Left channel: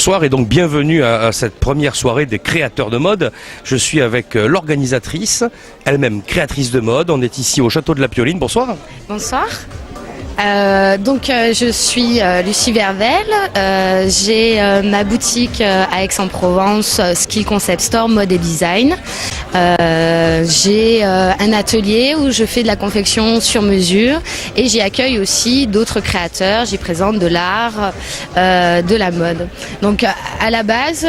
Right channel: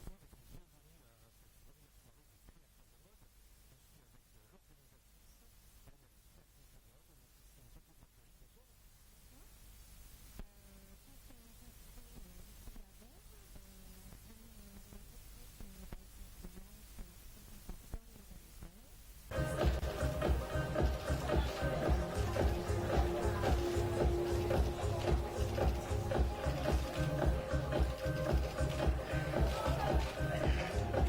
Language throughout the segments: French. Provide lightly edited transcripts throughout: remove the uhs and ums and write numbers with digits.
Bonsoir et donc bienvenue à cette première soirée des créateurs de mode. Je suis avec l'organisatrice, elle-même créatrice de mode. On est ici au château de la Pioline. Bonsoir. Bonsoir. Je suis Lucie Vervel, j'ai ma boutique à Aix-en-Provence, Skill Concept Store, mode et design. J'ai un atelier où je fais de la confection sur mesure et j'y accueille aussi d'autres créateurs, j'y présente de l'art, de la mode. Donc à la base,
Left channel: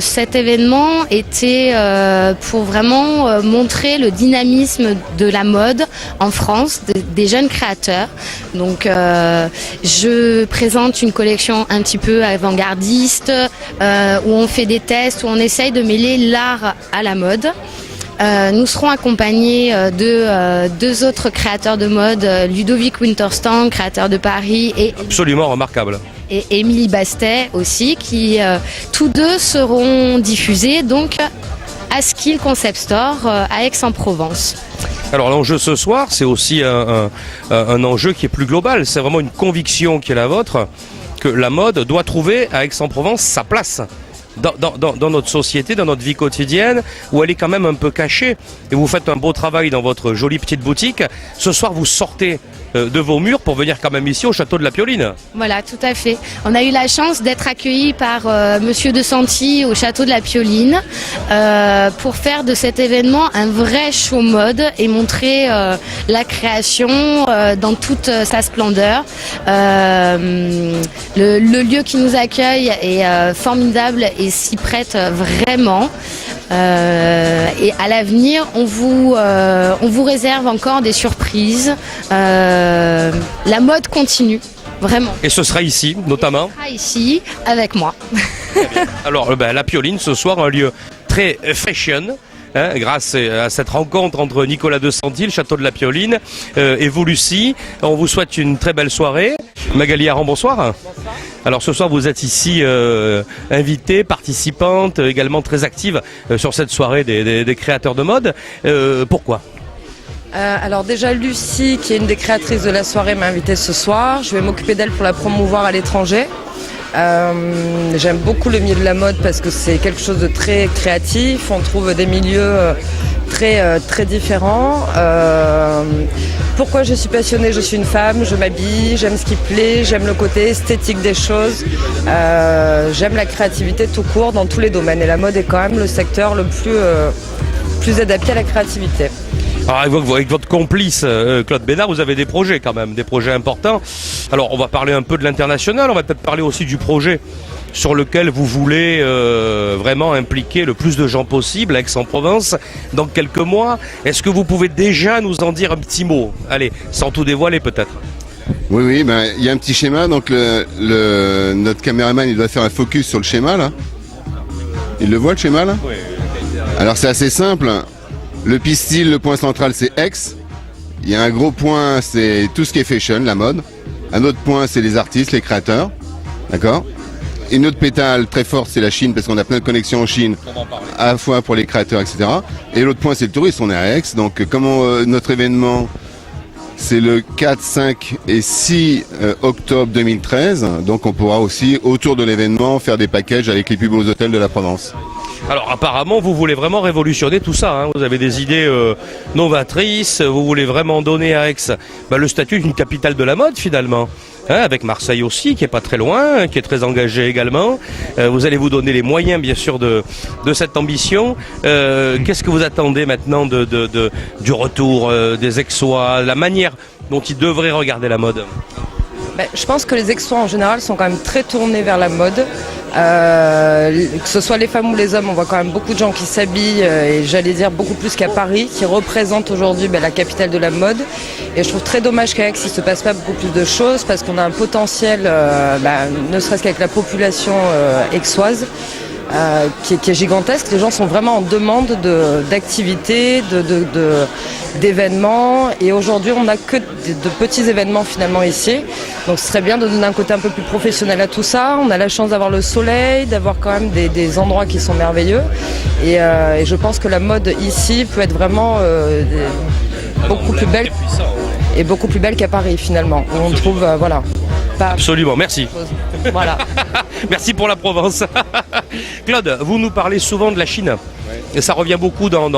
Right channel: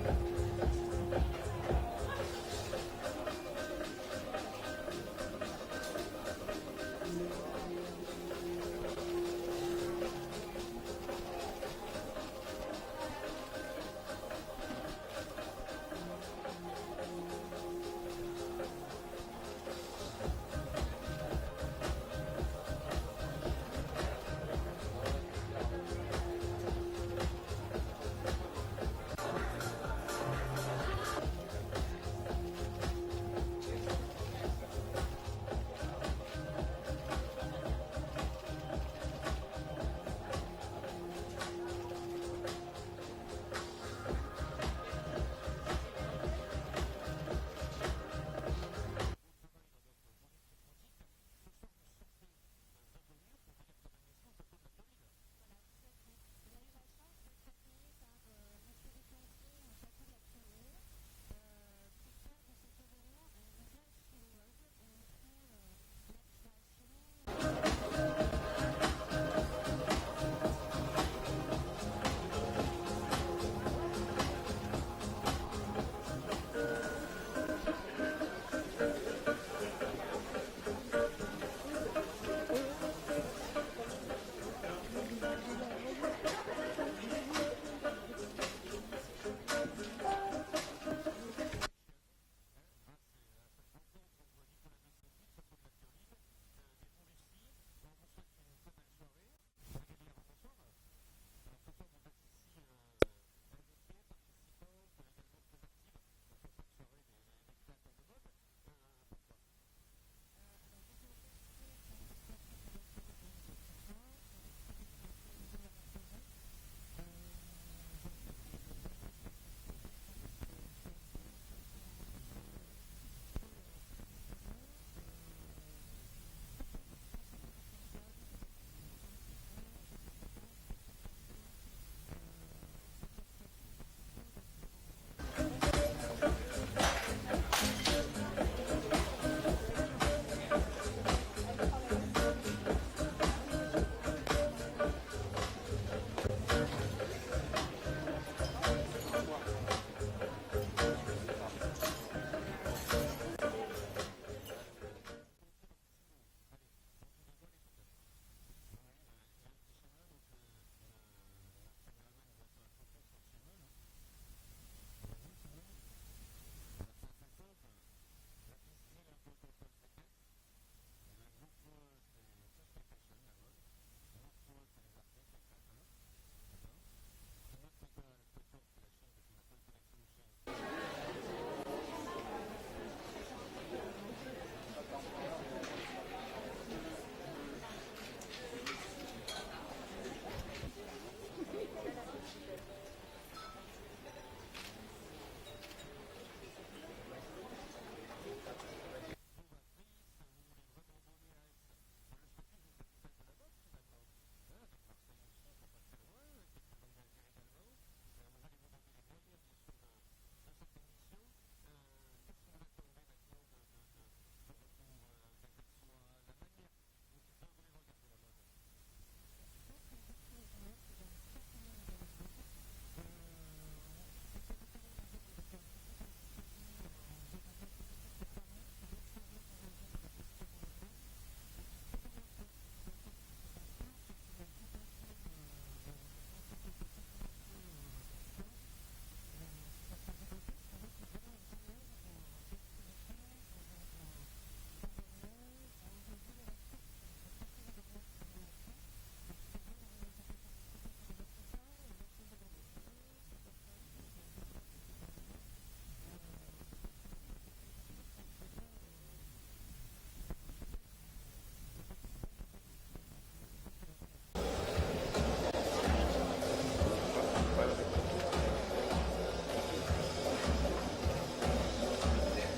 cet événement était pour vraiment montrer le dynamisme de la mode en France, des jeunes créateurs. Donc je présente une collection un petit peu avant-gardiste où on fait des tests, où on essaye de mêler l'art à la mode. Nous serons accompagnés de deux autres créateurs de mode, Ludovic Winterstang, créateur de Paris, et absolument remarquable. Et Émilie Bastet aussi, qui tous deux seront diffusés donc à Skill Concept Store à Aix-en-Provence. Alors l'enjeu ce soir, c'est aussi un enjeu qui est plus global. C'est vraiment une conviction qui est la vôtre, que la mode doit trouver à Aix-en-Provence sa place dans notre société, dans notre vie quotidienne, où elle est quand même un peu cachée. Et vous faites un beau travail dans votre jolie petite boutique. Ce soir, vous sortez de vos murs pour venir quand même ici au château de la Pioline. Voilà, tout à fait. On a eu la chance d'être accueillis par Monsieur de Santi au château de la Pioline pour faire de cet événement un vrai show mode et montrer la création dans toute sa splendeur. Le lieu qui nous accueille est formidable et s'y prête vraiment. Et à l'avenir, on vous réserve encore des surprises. La mode continue, vraiment. Et ce sera ici, notamment. Ce sera ici, avec moi. Alors, la Pioline, ce soir, un lieu très fashion. Grâce à cette rencontre entre Nicolas de Santi, le château de la Pioline, et vous, Lucie. On vous souhaite une très belle soirée. Magali Aran, bonsoir. Bonsoir. Alors ce soir, vous êtes ici invitée, participante, également très active sur cette soirée des créateurs de mode. Pourquoi ? Alors déjà Lucie, qui est une des créatrices de la soirée, m'a invitée ce soir. Je vais m'occuper d'elle pour la promouvoir à l'étranger. J'aime beaucoup le milieu de la mode parce que c'est quelque chose de très créatif. On trouve des milieux très différents. Pourquoi je suis passionnée ? Je suis une femme, je m'habille, j'aime ce qui plaît, j'aime le côté esthétique des choses. J'aime la créativité tout court dans tous les domaines. Et la mode est quand même le secteur le plus adapté à la créativité. Alors avec votre complice Claude Bénard, vous avez des projets quand même, des projets importants. Alors on va parler un peu de l'international, on va peut-être parler aussi du projet sur lequel vous voulez vraiment impliquer le plus de gens possible à Aix-en-Provence dans quelques mois. Est-ce que vous pouvez déjà nous en dire un petit mot ? Allez, sans tout dévoiler peut-être. Oui, y a un petit schéma, donc notre caméraman il doit faire un focus sur le schéma là. Il le voit le schéma là ? Oui. Alors c'est assez simple. Le pistil, le point central, c'est Aix. Il y a un gros point, c'est tout ce qui est fashion, la mode. Un autre point, c'est les artistes, les créateurs. D'accord ? Une autre pétale très forte, c'est la Chine, parce qu'on a plein de connexions en Chine, à la fois pour les créateurs, etc. Et l'autre point, c'est le tourisme, on est à Aix. Donc, notre événement, c'est le 4, 5 et 6 octobre 2013. Donc, on pourra aussi, autour de l'événement, faire des packages avec les plus beaux hôtels de la Provence. Alors apparemment, vous voulez vraiment révolutionner tout ça. Hein. Vous avez des idées novatrices. Vous voulez vraiment donner à Aix le statut d'une capitale de la mode finalement. Avec Marseille aussi, qui est pas très loin, qui est très engagé également. Vous allez vous donner les moyens, bien sûr, de cette ambition. Qu'est-ce que vous attendez maintenant du retour des Aixois, la manière dont ils devraient regarder la mode ? Je pense que les Aixois en général sont quand même très tournés vers la mode. Que ce soit les femmes ou les hommes, on voit quand même beaucoup de gens qui s'habillent, et j'allais dire beaucoup plus qu'à Paris, qui représentent aujourd'hui la capitale de la mode. Et je trouve très dommage qu'à Aix, il ne se passe pas beaucoup plus de choses, parce qu'on a un potentiel, ne serait-ce qu'avec la population aixoise, qui est gigantesque. Les gens sont vraiment en demande d'activités, d'événements, et aujourd'hui on n'a que de petits événements finalement ici, donc ce serait bien de donner un côté un peu plus professionnel à tout ça. On a la chance d'avoir le soleil, d'avoir quand même des endroits qui sont merveilleux, et je pense que la mode ici peut être vraiment beaucoup plus belle et beaucoup plus belle qu'à Paris finalement, où on trouve pas absolument, merci. Voilà. Merci pour la Provence. Claude, vous nous parlez souvent de la Chine. Et ça revient beaucoup dans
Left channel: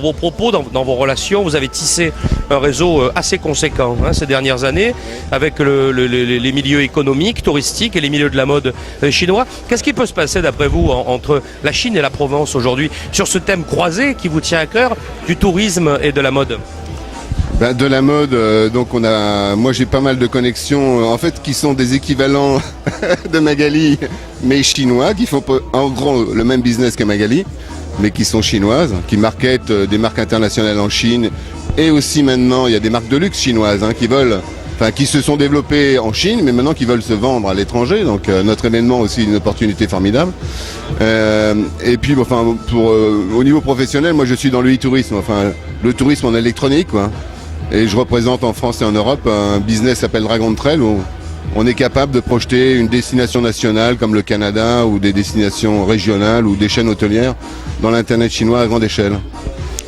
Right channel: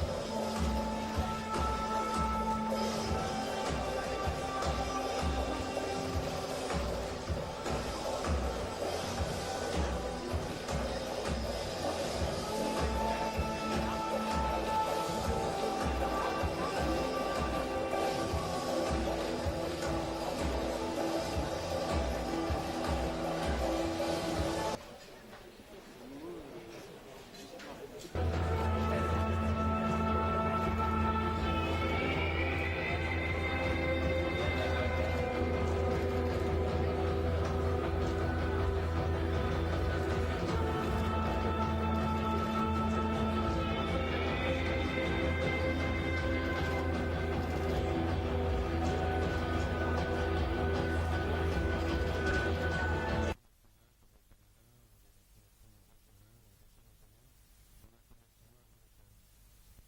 vos propos, dans vos relations. Vous avez tissé un réseau assez conséquent ces dernières années avec les milieux économiques, touristiques et les milieux de la mode chinois. Qu'est-ce qui peut se passer d'après vous entre la Chine et la Provence aujourd'hui sur ce thème croisé qui vous tient à cœur du tourisme et de la mode? De la mode, donc moi j'ai pas mal de connexions, en fait qui sont des équivalents de Magali, mais chinois, qui font en gros le même business que Magali, mais qui sont chinoises, qui marketent des marques internationales en Chine, et aussi maintenant il y a des marques de luxe chinoises qui se sont développées en Chine, mais maintenant qui veulent se vendre à l'étranger. Donc notre événement aussi une opportunité formidable. Et puis au niveau professionnel, moi je suis dans le e-tourisme, le tourisme en électronique, quoi. Et je représente en France et en Europe un business qui s'appelle Dragon Trail, où on est capable de projeter une destination nationale comme le Canada ou des destinations régionales ou des chaînes hôtelières dans l'internet chinois à grande échelle.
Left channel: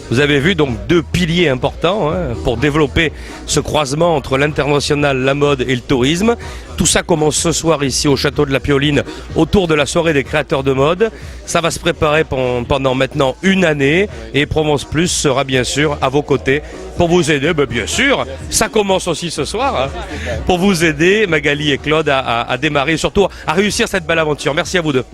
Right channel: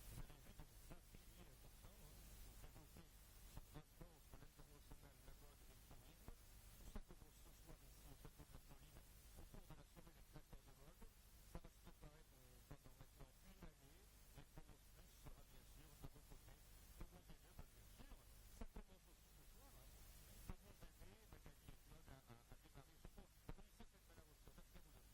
Vous avez vu donc deux piliers importants pour développer ce croisement entre l'international, la mode et le tourisme. Tout ça commence ce soir ici au Château de la Pioline autour de la soirée des créateurs de mode. Ça va se préparer pendant maintenant une année et Provence Plus sera bien sûr à vos côtés pour vous aider. Bien sûr, ça commence aussi ce soir pour vous aider, Magali et Claude, à démarrer et surtout à réussir cette belle aventure. Merci à vous deux.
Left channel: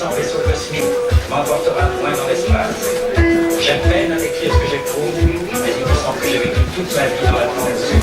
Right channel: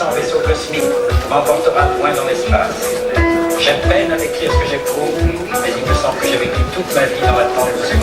puissant vaisseau cosmique m'emportera loin dans l'espace. J'ai peine à décrire ce que j'éprouve, mais il me semble que j'ai vécu toute ma vie dans l'attente de ce